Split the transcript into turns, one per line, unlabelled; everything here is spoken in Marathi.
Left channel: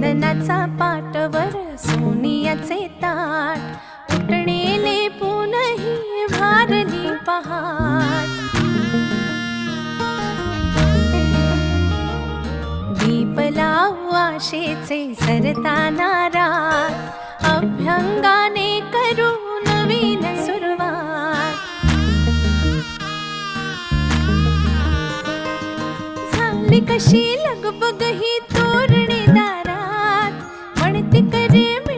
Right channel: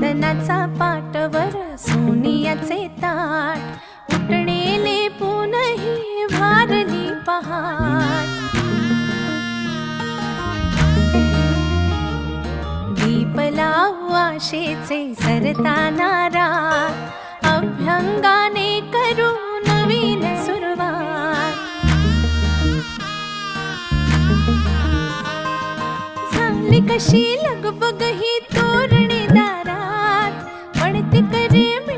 चंदनाचा पाटवर सोनियाचे ताट. उठणेले पुनही भारली पहाट. दीप लावू आशेचे सरताना रात. अभ्यंगाने करू नवीन सुरुवात. झाली कशी लगबग ही तोरणे. benim